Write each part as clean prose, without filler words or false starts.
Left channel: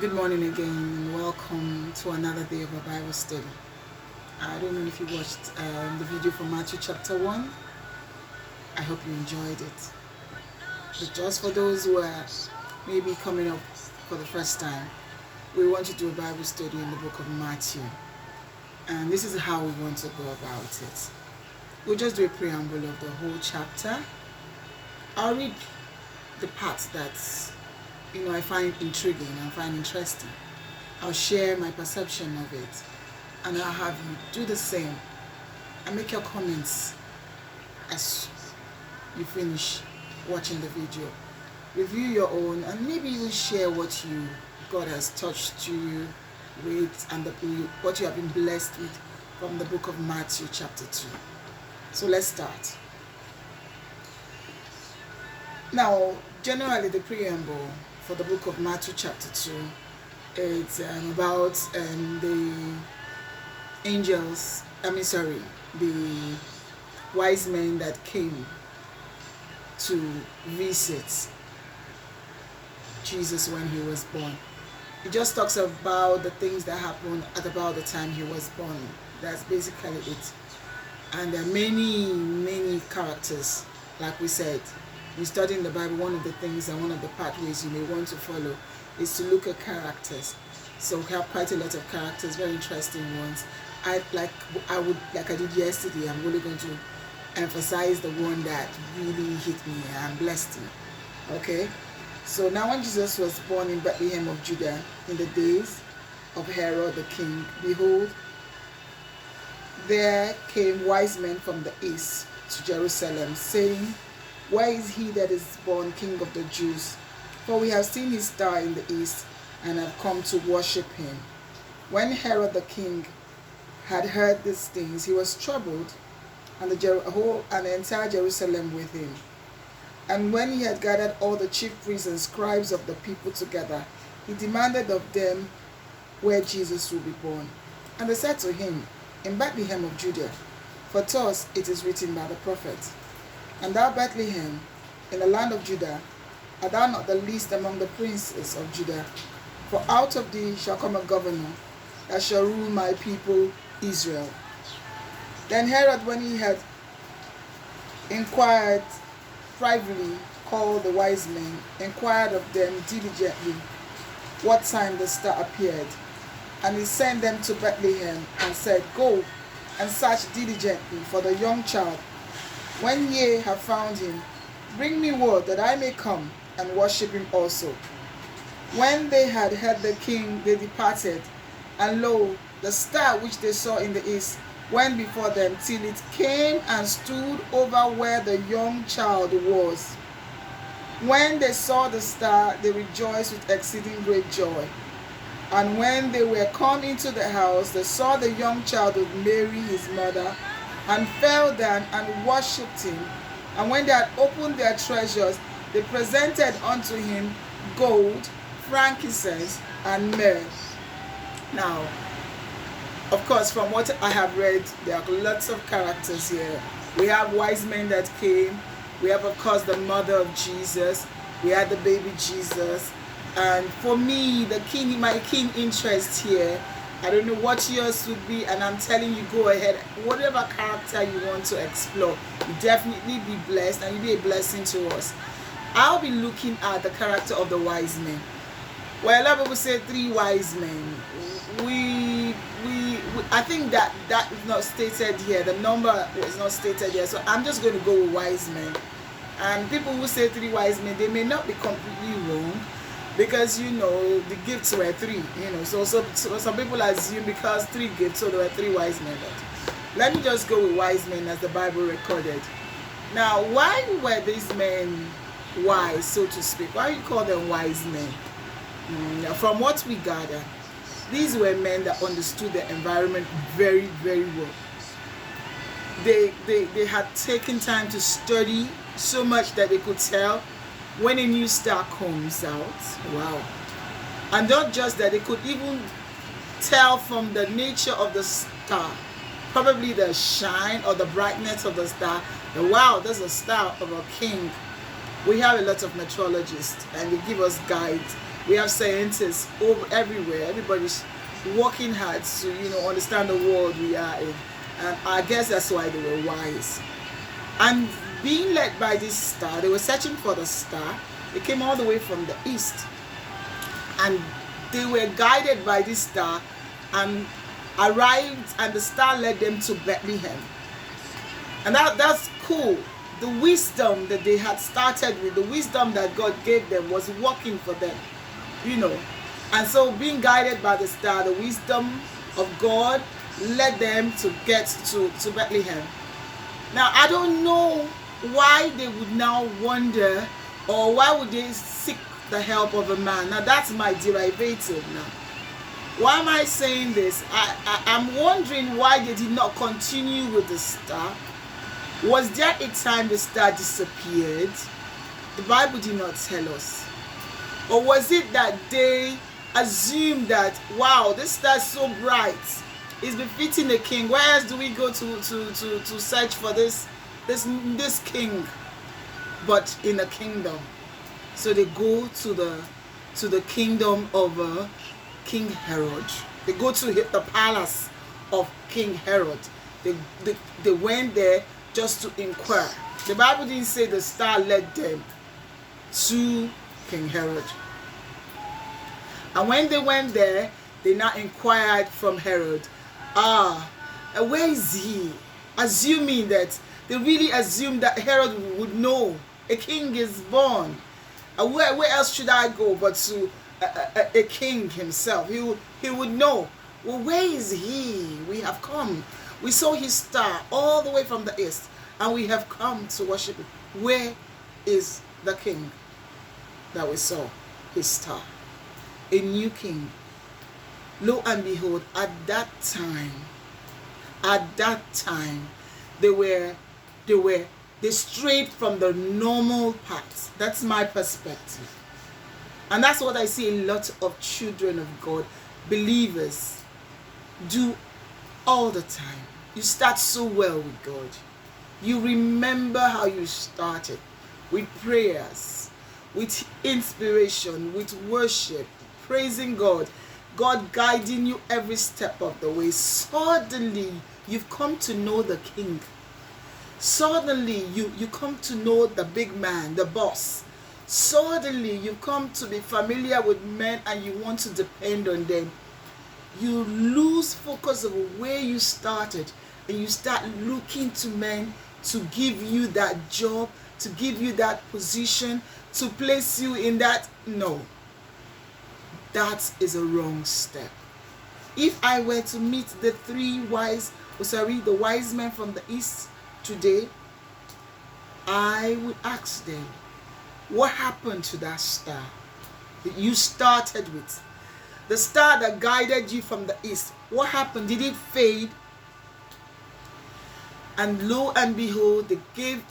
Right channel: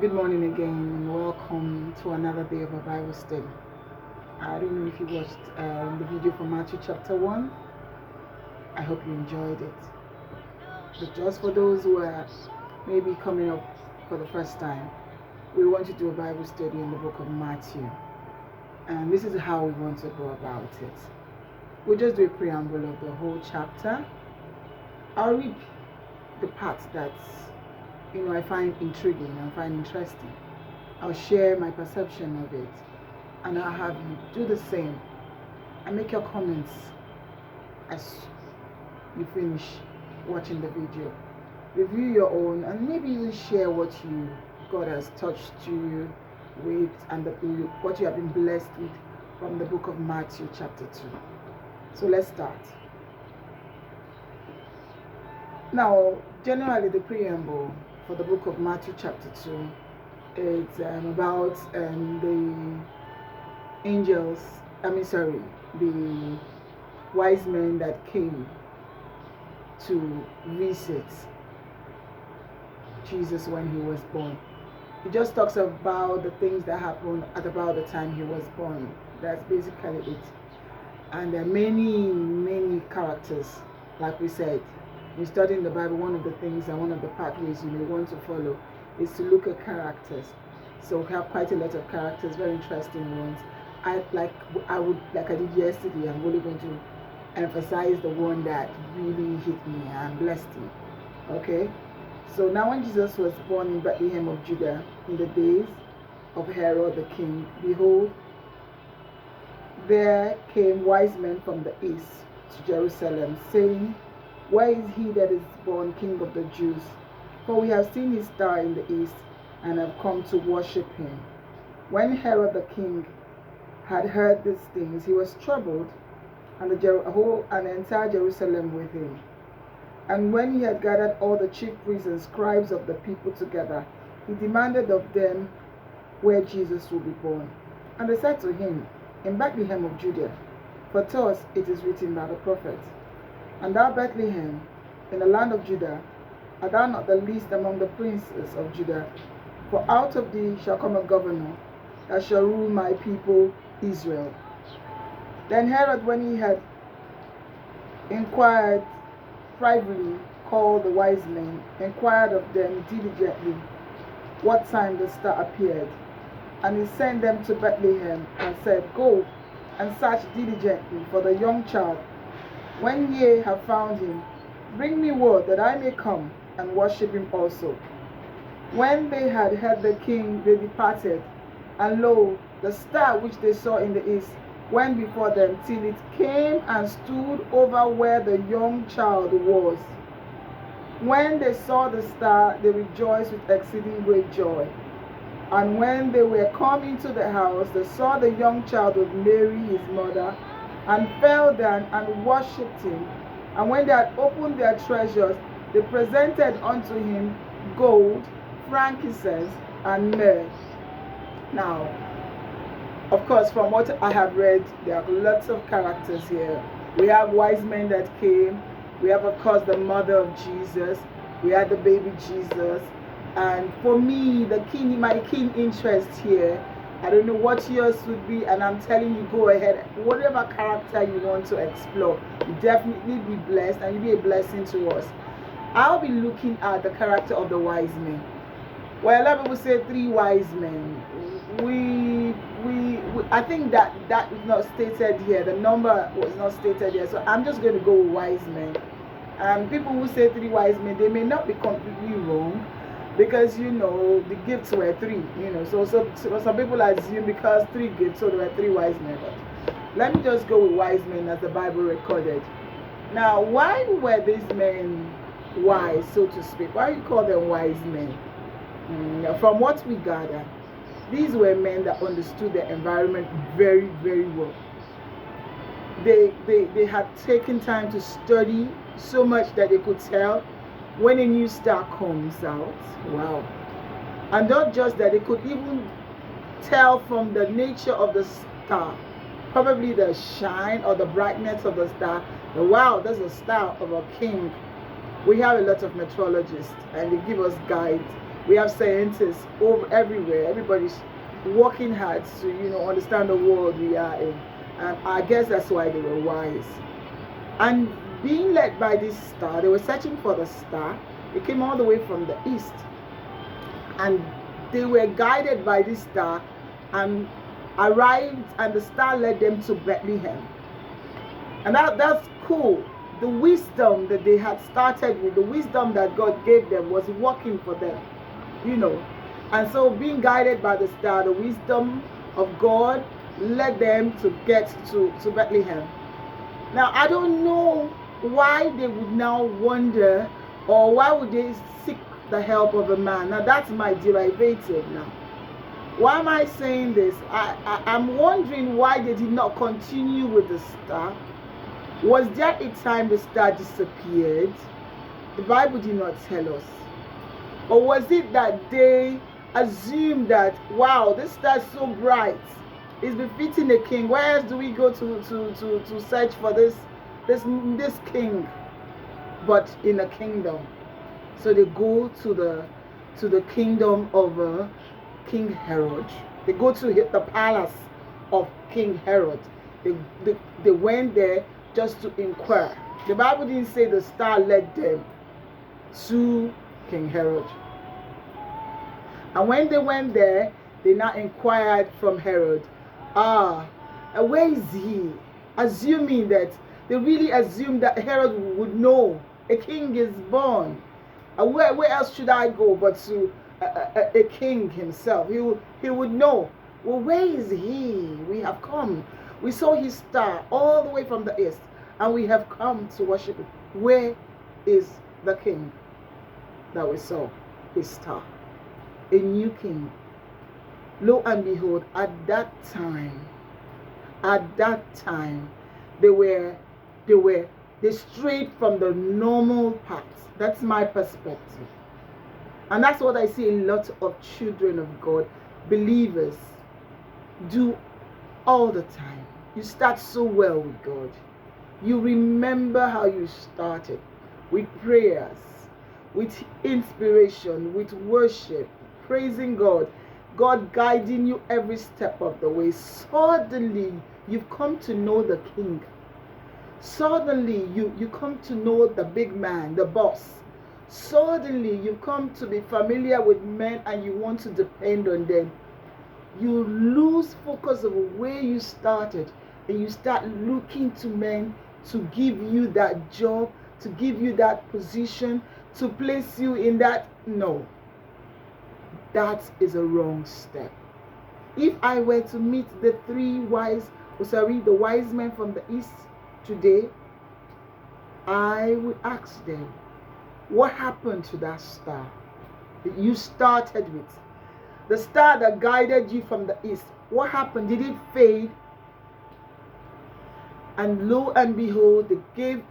Good morning again, and welcome to another day of a Bible study. I don't know if you watched the video from Matthew chapter 1. I hope you enjoyed it. But just for those who are maybe coming up for the first time, we want to do a Bible study in the book of Matthew. And this is how we want to go about it. We'll just do a preamble of the whole chapter. I'll read the parts that I find intriguing and find interesting. I'll share my perception of it, and I'll have you do the same and make your comments as you finish watching the video. Review your own and maybe even share what God has touched you with and what you have been blessed with from the book of Matthew chapter 2. So let's start. Now, generally the preamble for the book of Matthew chapter 2 is about the wise men that came to visit Jesus when he was born. It just talks about the things that happened at about the time he was born. That's basically it. And there are many characters, like we said. In studying the Bible, one of the things and one of the pathways you may want to follow is to look at characters. So we have quite a lot of characters, very interesting ones. I did yesterday, I'm really going to emphasize the one that really hit me and blessed me. Okay? So now when Jesus was born in Bethlehem of Judah in the days of Herod the king, behold, there came wise men from the east to Jerusalem, saying, where is he that is born King of the Jews? For we have seen his star in the east, and have come to worship him. When Herod the king had heard these things, he was troubled, and the entire Jerusalem with him. And when he had gathered all the chief priests and scribes of the people together, he demanded of them where Jesus would be born. And they said to him, in Bethlehem of Judah, for thus it is written by the prophet, and thou, Bethlehem, in the land of Judah, art thou not the least among the princes of Judah? For out of thee shall come a governor that shall rule my people Israel. Then Herod, when he had inquired privately, called the wise men, inquired of them diligently what time the star appeared. And he sent them to Bethlehem, and said, go and search diligently for the young child. When ye have found him, bring me word that I may come and worship him also. When they had heard the king, they departed, and lo, the star which they saw in the east went before them till it came and stood over where the young child was. When they saw the star, they rejoiced with exceeding great joy. And when they were come into the house, they saw the young child with Mary his mother, and fell down and worshipped him. And when they had opened their treasures, they presented unto him gold, frankincense, and myrrh. Now, of course, from what I have read, there are lots of characters here. We have wise men that came. We have, of course, the mother of Jesus. We have the baby Jesus. And for me, my keen interest here, I don't know what yours would be, and I'm telling you, go ahead. Whatever character you want to explore, you definitely be blessed, and you'll be a blessing to us. I'll be looking at the character of the wise men. Well, a lot of people say 3 wise men. I think that is not stated here. The number is not stated here, so I'm just going to go with wise men. And people who say 3 wise men, they may not be completely wrong. Because the gifts were 3, so some people assume because 3 gifts, so there were 3 wise men. But let me just go with wise men as the Bible recorded. Now, why were these men wise, so to speak? Why you call them wise men? From what we gather, these were men that understood their environment very, very well. They had taken time to study so much that they could tell when a new star comes out. Wow. And not just that, they could even tell from the nature of the star, probably the shine or the brightness of the star, wow, there's a star of a king. We have a lot of meteorologists, and they give us guides We have scientists over everywhere. Everybody's working hard to, understand the world we are in. And I guess that's why they were wise. And being led by this star, they were searching for the star. It came all the way from the east. And they were guided by this star and arrived, and the star led them to Bethlehem. And that's cool. The wisdom that they had started with, the wisdom that God gave them was working for them, And so being guided by the star, the wisdom of God led them to get to Bethlehem. Now, I don't know why they would now wonder, or why would they seek the help of a man. Now, that's my derivative now. Why am I saying this? I'm wondering why they did not continue with the star. Was there a time the star disappeared? The Bible did not tell us. Or was it that they assumed that, wow, this star is so bright, it's befitting a king. Where else do we go to search for this king, but in a kingdom? So they go to the kingdom of King Herod. They go to the palace of King Herod. They went there just to inquire. The Bible didn't say the star led them to King Herod. And when they went there, they now inquired from Herod, where is he? Assuming that, they really assumed that Herod would know a king is born. Where else should I go but to a king himself? He would know. Well, where is he? We have come. We saw his star all the way from the east, and we have come to worship him. Where is the king that we saw his star? A new king. Lo and behold, at that time, they strayed from the normal path. That's my perspective. And that's what I see a lot of children of God, believers, do all the time. You start so well with God. You remember how you started, with prayers, with inspiration, with worship, praising God, God guiding you every step of the way. Suddenly, you've come to know the king. Suddenly, you come to know the big man, the boss. Suddenly, you come to be familiar with men and you want to depend on them. You lose focus of where you started and you start looking to men to give you that job, to give you that position, to place you in that. No, that is a wrong step. If I were to meet the the wise men from the east today, I would ask them, what happened to that star that you started with? The star that guided you from the east, what happened? Did it fade? And lo and behold, they gave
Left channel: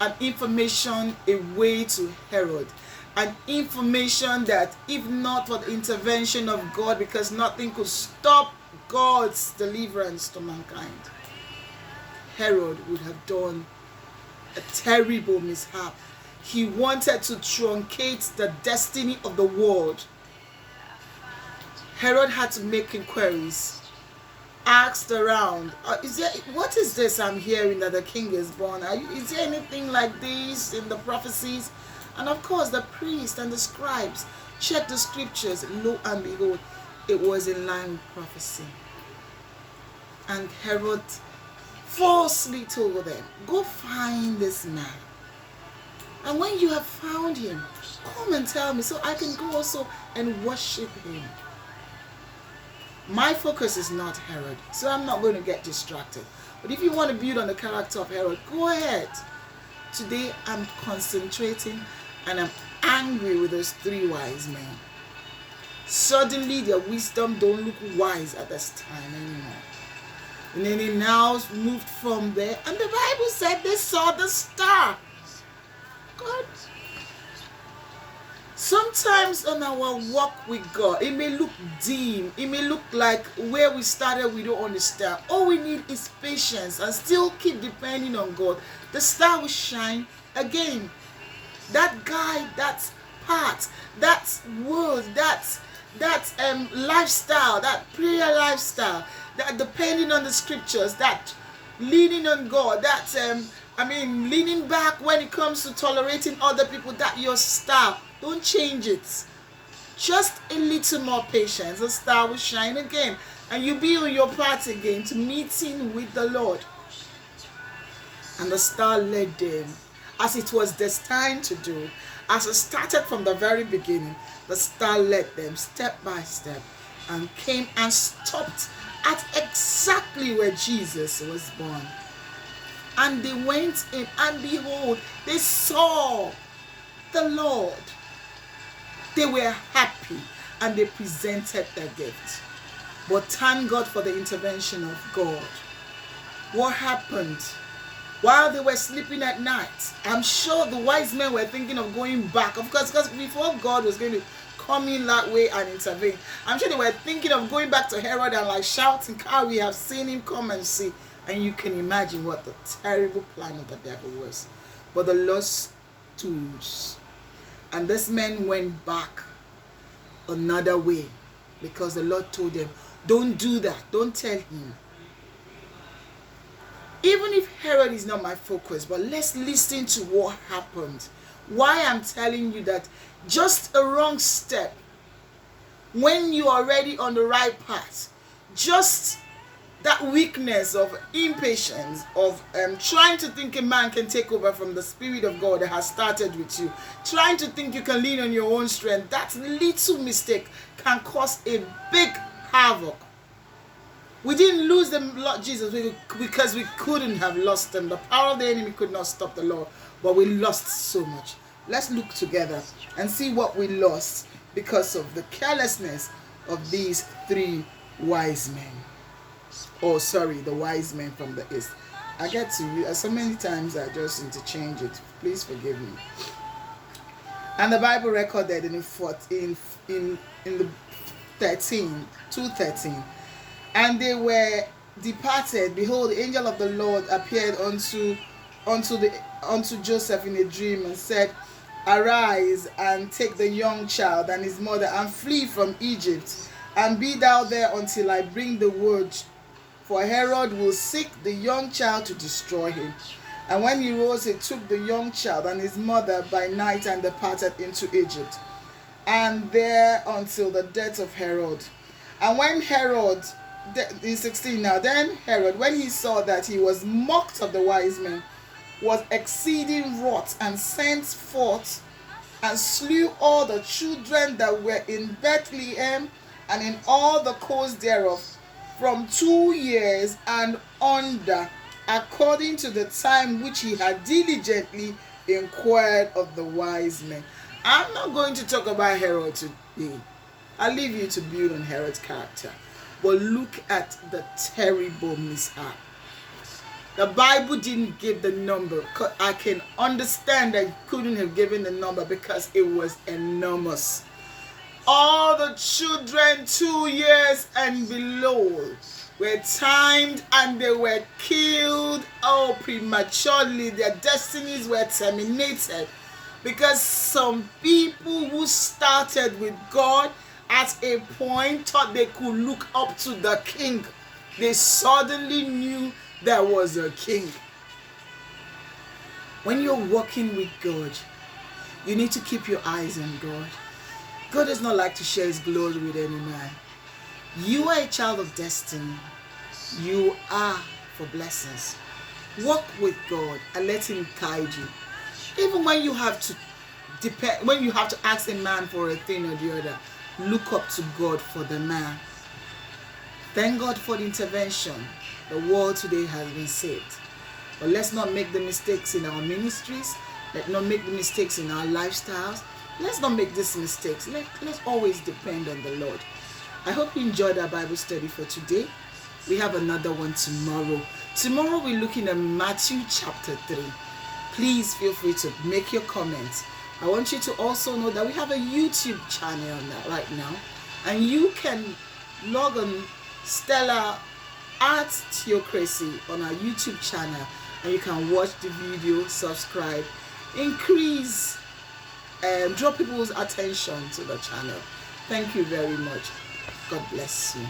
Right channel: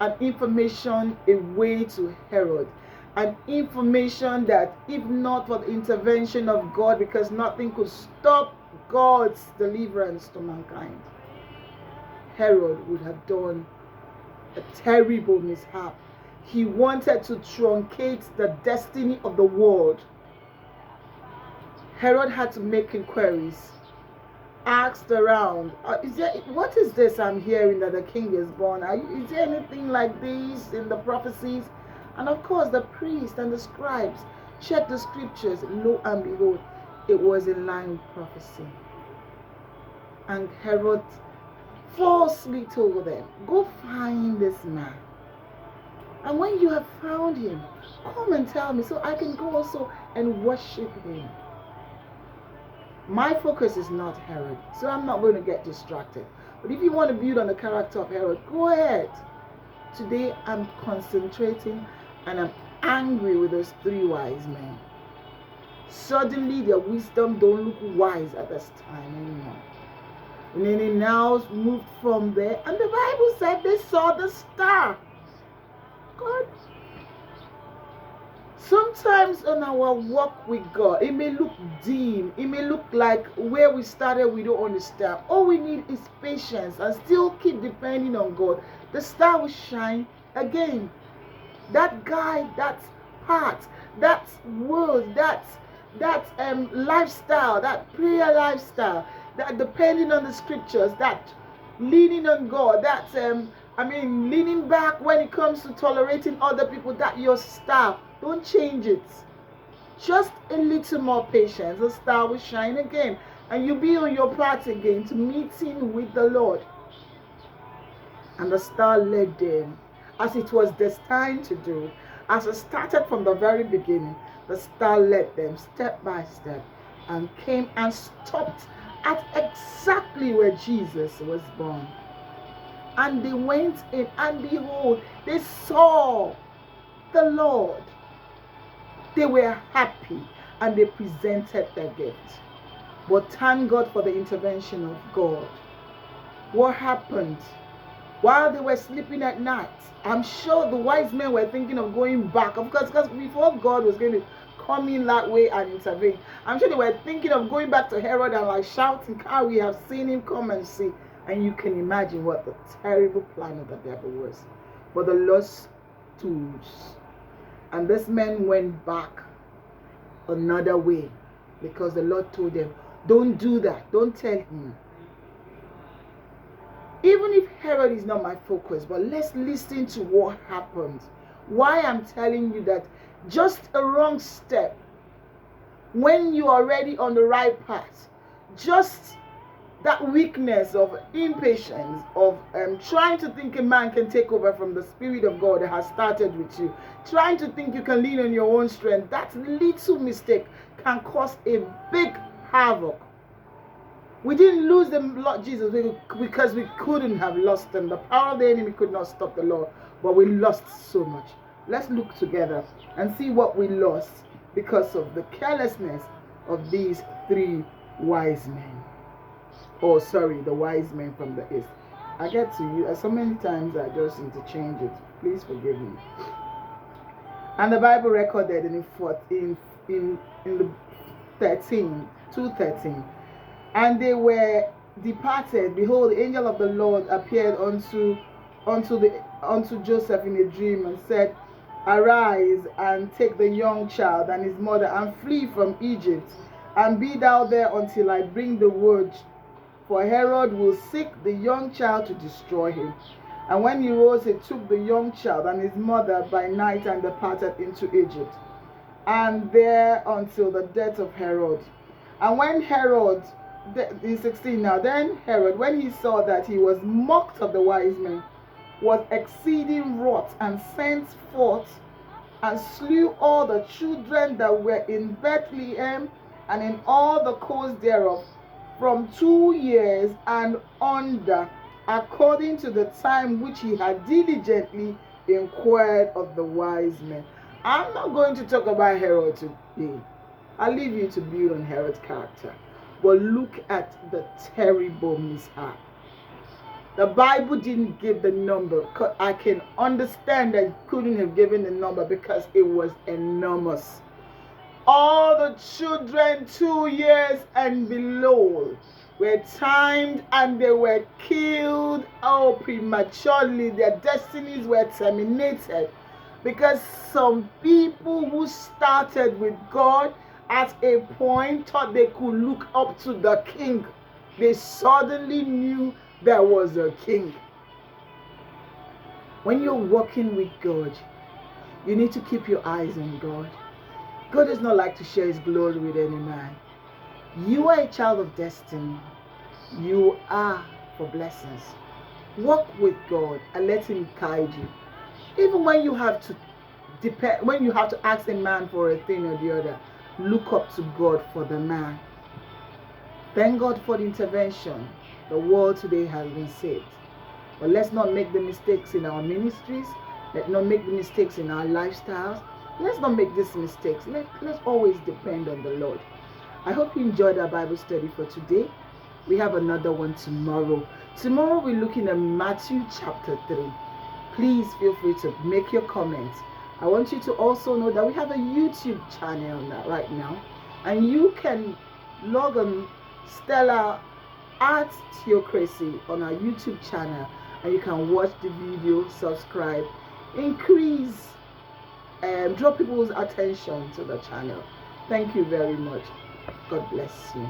an information away to Herod. An information that, if not for the intervention of God, because nothing could stop God's deliverance to mankind, Herod would have done a terrible mishap. He wanted to truncate the destiny of the world. Herod had to make inquiries, asked around, what is this I'm hearing that the king is born? Is there anything like this in the prophecies? And of course, the priests and the scribes checked the scriptures. Lo and behold, it was in line with prophecy. And Herod falsely told them, go find this man. And when you have found him, come and tell me so I can go also and worship him. My focus is not Herod, so I'm not going to get distracted. But if you want to build on the character of Herod, go ahead. Today I'm concentrating and I'm angry with those three wise men. Suddenly their wisdom don't look wise at this time anymore. And then they now moved from there, and the Bible said they saw the star. God. Sometimes in our walk with God, it may look dim. It may look like where we started, we don't understand. All we need is patience and still keep depending on God. The star will shine again. That guy, that heart, that word, that lifestyle, that prayer lifestyle, that depending on the scriptures, that leaning on God, that leaning back when it comes to tolerating other people, that your star. Don't change it. Just a little more patience. The star will shine again, and you'll be on your path again to meeting with the Lord. And the star led them as it was destined to do. As it started from the very beginning, the star led them step by step and came and stopped at exactly where Jesus was born. And they went in, and behold, they saw the Lord. They were happy, and they presented their gift. But thank God for the intervention of God. What happened? While they were sleeping at night, I'm sure the wise men were thinking of going back. Of course, because before God was going to come in that way and intervene, I'm sure they were thinking of going back to Herod and like shouting, "We have seen him, come and see." And you can imagine what the terrible plan of the devil was. But the Lord stood. And this man went back another way, because the Lord told them, don't do that. Don't tell him. Even if Herod is not my focus, but let's listen to what happened. Why I'm telling you that just a wrong step, when you're already on the right path, just that weakness of impatience, of trying to think a man can take over from the Spirit of God that has started with you, trying to think you can lean on your own strength, that little mistake can cause a big havoc. We didn't lose the Lord Jesus because we couldn't have lost him. The power of the enemy could not stop the Lord, but we lost so much. Let's look together and see what we lost because of the carelessness of these three wise men. Oh, sorry, the wise men from the east. I get to you so many times I just interchange it. Please forgive me. And the Bible recorded in the 2:13. And they were departed. Behold, the angel of the Lord appeared unto Joseph in a dream and said, Arise and take the young child and his mother and flee from Egypt, and be thou there until I bring the word. For Herod will seek the young child to destroy him. And when he rose, he took the young child and his mother by night and departed into Egypt, and there until the death of Herod. And when Herod, in 16 now, then Herod, when he saw that he was mocked of the wise men, was exceeding wroth, and sent forth and slew all the children that were in Bethlehem and in all the coast thereof, from 2 years and under, according to the time which he had diligently inquired of the wise men. I'm not going to talk about Herod today. I'll leave you to build on Herod's character. But look at the terrible mishap. The Bible didn't give the number. I can understand that it couldn't have given the number because it was enormous. All the children 2 years and below were timed and they were killed prematurely. Their destinies were terminated because some people who started with God at a point thought they could look up to the king. They suddenly knew there was a king. When you're walking with God, you need to keep your eyes on God. God does not like to share his glory with any man. You are a child of destiny. You are for blessings. Walk with God and let him guide you. Even when you have to ask a man for a thing or the other, look up to God for the man. Thank God for the intervention. The world today has been saved. But let's not make the mistakes in our ministries. Let's not make the mistakes in our lifestyles. Let's not make these mistakes. Let's always depend on the Lord. I hope you enjoyed our Bible study for today. We have another one tomorrow. Tomorrow we're looking at Matthew chapter 3. Please feel free to make your comments. I want you to also know that we have a YouTube channel on that right now. And you can log on Stella Art Theocracy on our YouTube channel. And you can watch the video, subscribe, increase draw people's attention to the channel. Thank you very much. God bless you.